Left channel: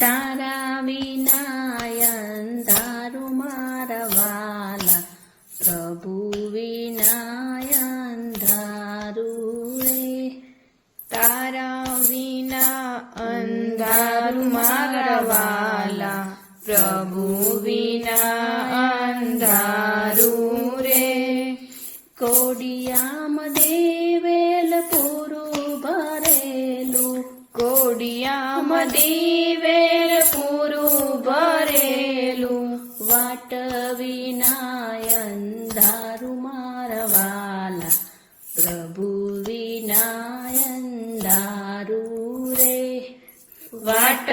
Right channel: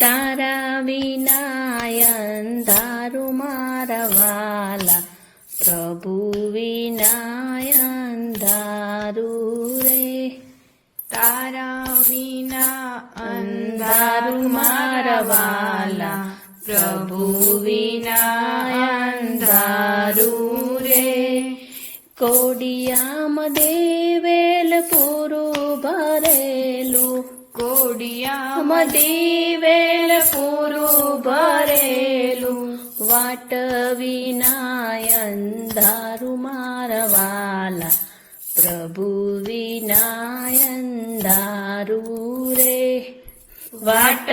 તારા વિના અંધારું મારા વાલા, પ્રભુ વિના અંધારું રે. તારા વિના અંધારું મારા વાલા, પ્રભુ વિના અંધારું રે. કોડિયામાં દેવેલ પૂરું ભરેલું, કોડિયામાં દેવેલ પૂરું ભરેલું, વાટ વિના અંધારું મારા વાલા, પ્રભુ વિના અંધારું રે. વાટ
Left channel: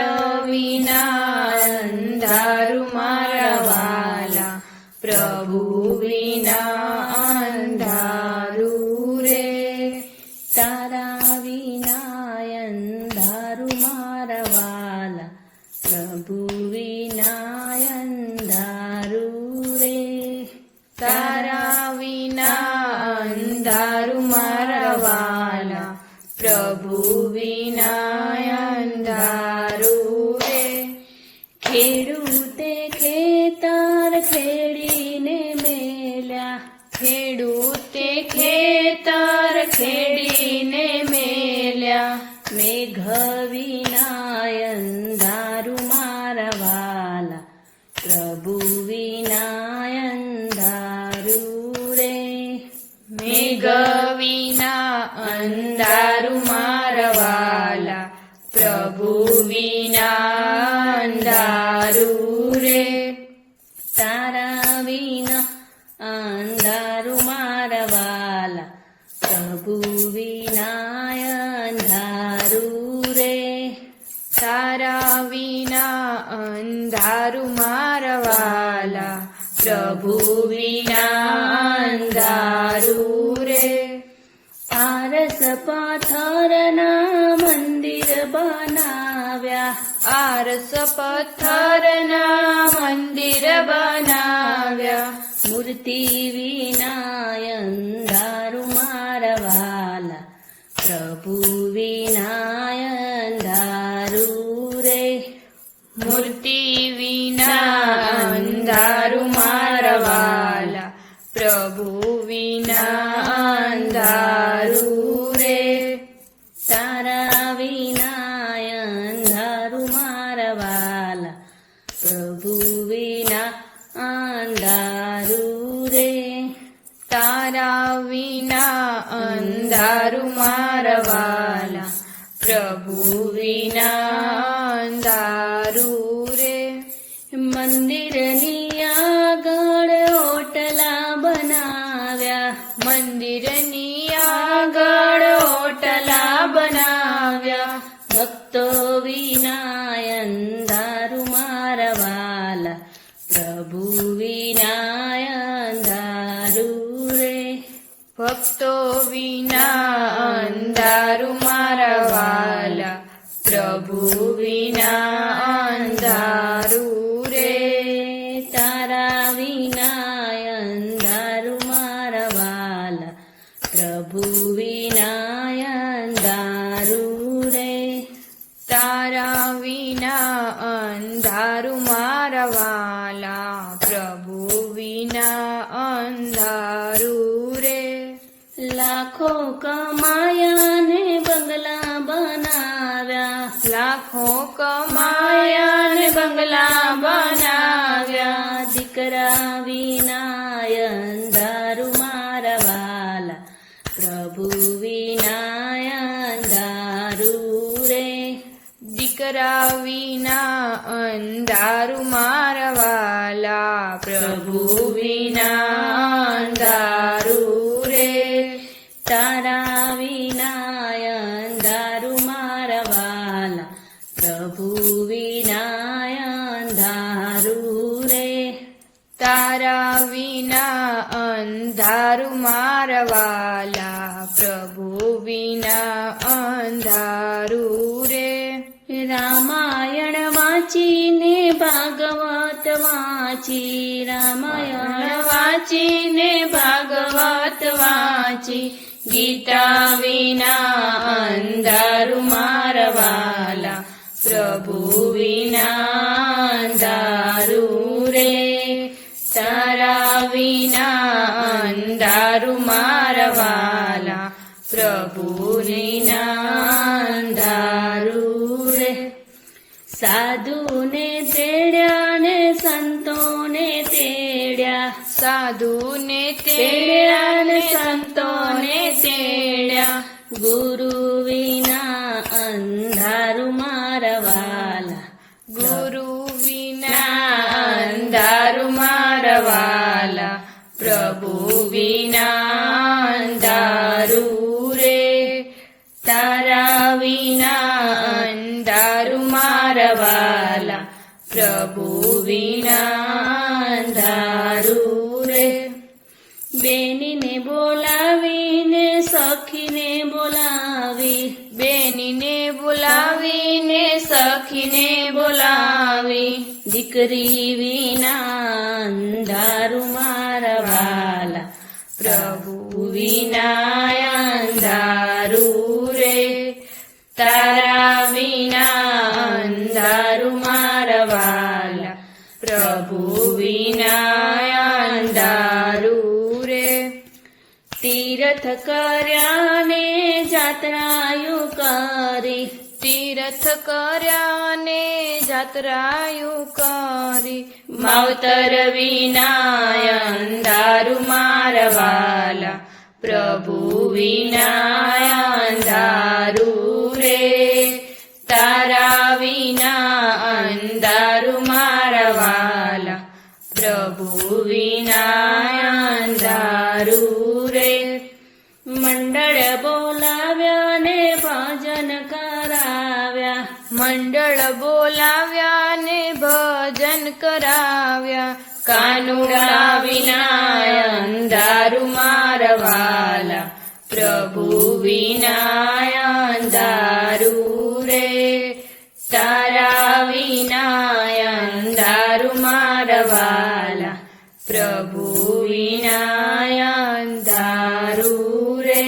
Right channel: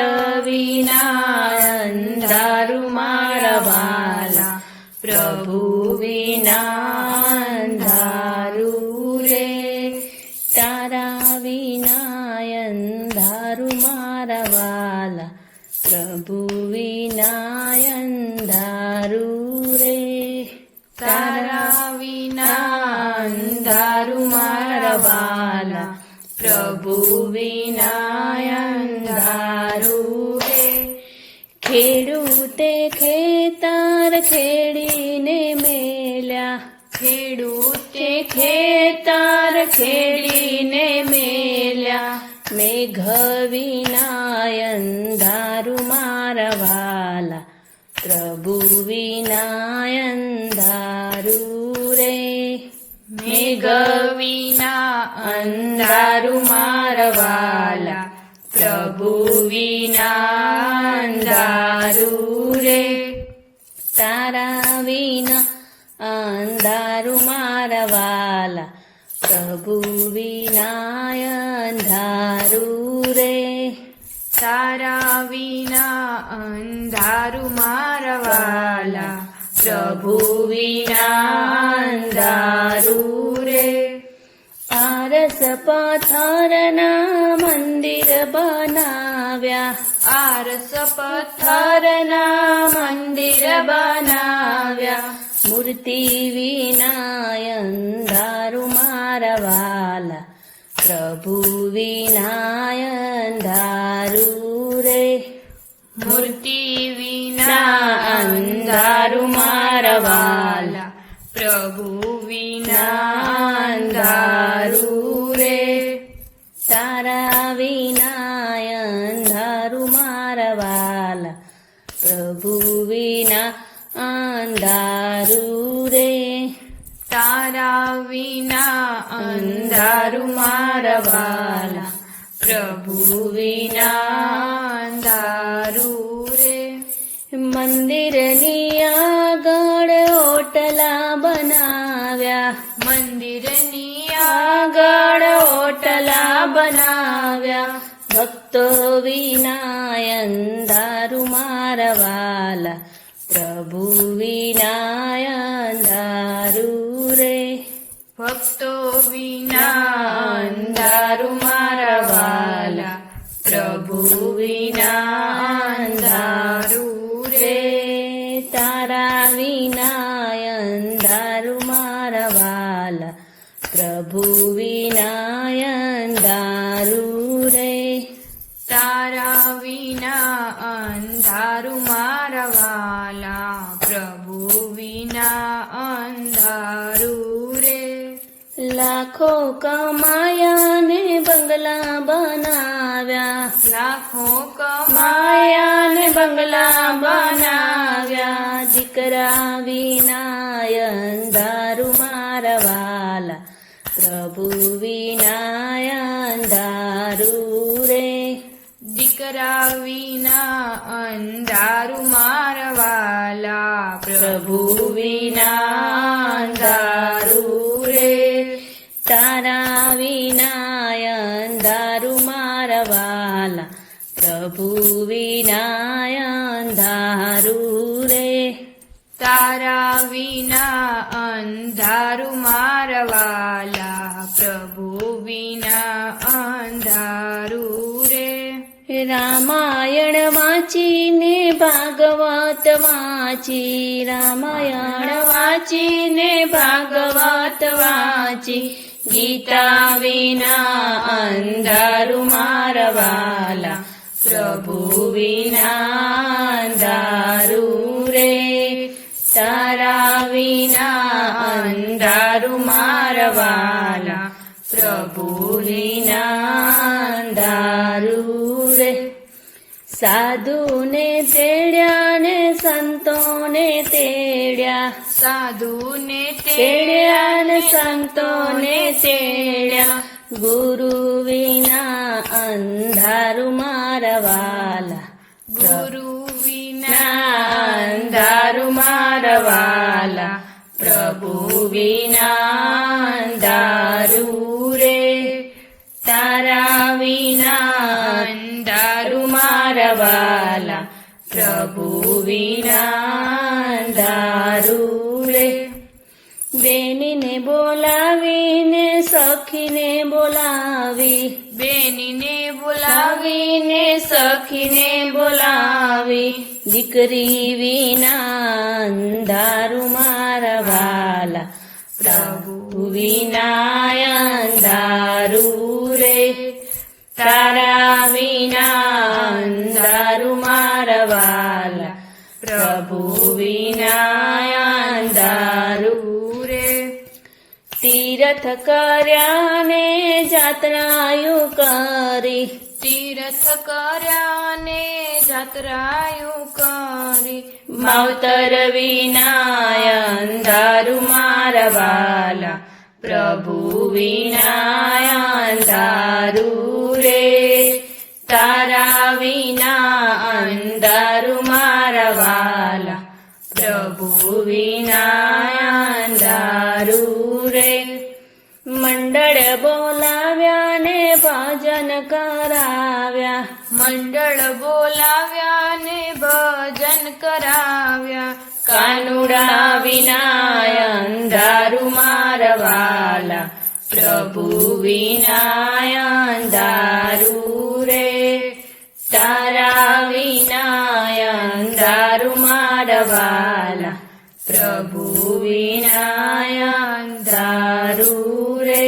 વિના અંધારું મારા વાલા, પ્રભુ વિના અંધારું રે. તારા વિના અંધારું મારા વાલા, પ્રભુ વિના અંધારું રે. તારા વિના અંધારું મારા વાલા, પ્રભુ વિના અંધારું રે. ખેડૂતે ખેતર ખેડીને મેલ્યા, ખેડૂતે ખેતર ખેડીને મેલ્યા, મેઘ વિના અંધારું મારા વાલા, પ્રભુ વિના અંધારું રે. મેઘ વિના અંધારું મારા વાલા, પ્રભુ વિના અંધારું રે. તારા વિના અંધારું મારા વાલા, પ્રભુ વિના અંધારું રે. તારા વિના અંધારું મારા વાલા, પ્રભુ વિના અંધારું રે. આરસ પથ્થરના મંદિર બનાવ્યા, આરસ પથ્થરના મંદિર બનાવ્યા, મૂર્તિ વિના અંધારું મારા વાલા, પ્રભુ વિના અંધારું રે. મૂર્તિ વિના અંધારું મારા વાલા, પ્રભુ વિના અંધારું રે. તારા વિના અંધારું મારા વાલા, પ્રભુ વિના અંધારું રે. તારા વિના અંધારું મારા વાલા, પ્રભુ વિના અંધારું રે. મંદિરની આગળ ઓટલા બનાવ્યા, મંદિરની આગળ ઓટલા બનાવ્યા, ભક્તો વિના અંધારું મારા વાલા, પ્રભુ વિના અંધારું રે. ભક્તો વિના અંધારું મારા વાલા, પ્રભુ વિના અંધારું રે. તારા વિના અંધારું મારા વાલા, પ્રભુ વિના અંધારું રે. તારા વિના અંધારું મારા વાલા, પ્રભુ વિના અંધારું રે. લાખો કમાયા ને બંગલા બનાવ્યા, લાખો કમાયા ને બંગલા બનાવ્યા, દીકરા વિના અંધારું મારા વાલા, પ્રભુ વિના અંધારું રે. દીકરા વિના અંધારું મારા વાલા, પ્રભુ વિના અંધારું રે. તારા વિના અંધારું મારા વાલા, પ્રભુ વિના અંધારું રે. તારા વિના અંધારું મારા વાલા, પ્રભુ વિના અંધારું રે. રામાયણ વાંચીને ભાગવત વાંચી, રામાયણ વાંચીને ભાગવત વાંચી, ગીતા વિના અંધારું મારા વાલા, પ્રભુ પ્રભુ વિના અંધારું રે તારા વિના અંધારું મારા વાલા પ્રભુ વિના અંધારું રે સાધુને તેડ્યા ને સંતોને તેડ્યા સાધુને તેડ્યા ને સંતોને તેડ્યા ગુરુ વિના અંધારું મારા વાલા ગુરુ વિના અંધારું મારા વાલા પ્રભુ વિના અંધારું રે તારા વિના અંધારું મારા વાલા પ્રભુ વિના અંધારું રે બેનીને બોલાવીને સખીને બોલાવી બેનીને બોલાવીને સખીને બોલાવી દીકરી વિના અંધારું મારા વાલા પ્રભુ વિના અંધારું રે તારા વિના અંધારું મારા વાલા પ્રભુ વિના અંધારું રે તીર્થ કર્યા ને જાત્રાયું કરી તીર્થ કર્યા ને જાત્રાયું કરી માવતર વિના અંધારું મારા વાલા પ્રભુ વિના અંધારું રે તારા વિના અંધારું મારા વાલા પ્રભુ વિના અંધારું રે મંડળ બોલાવ્યા ને ભજન કરાવ્યા મંડળ બોલાવ્યા ને ભજન કરાવ્યા કાનુડા વિના અંધારું મારા વાલા પ્રભુ વિના અંધારું રે તારા વિના અંધારું મારા વાલા પ્રભુ વિના અંધારું રે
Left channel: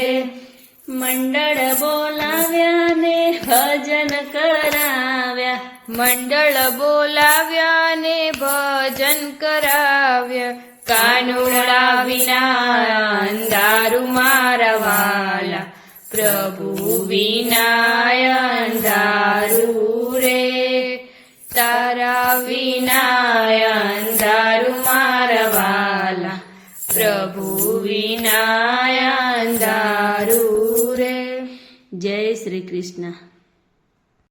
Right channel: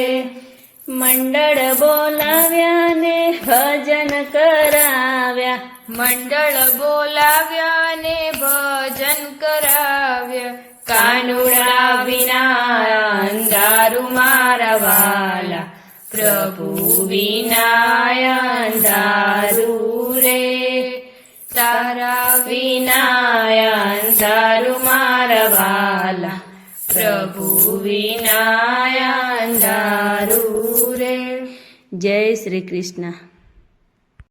મંડળ બોલાવ્યા ને ભજન કરાવ્યા મંડળ બોલાવ્યા ને ભજન કરાવ્યા કાનુડા વિના અંધારું મારા વાલા પ્રભુ વિના અંધારું રે તારા વિના અંધારું મારા વાલા પ્રભુ વિના અંધારું રે જય શ્રી કૃષ્ણ.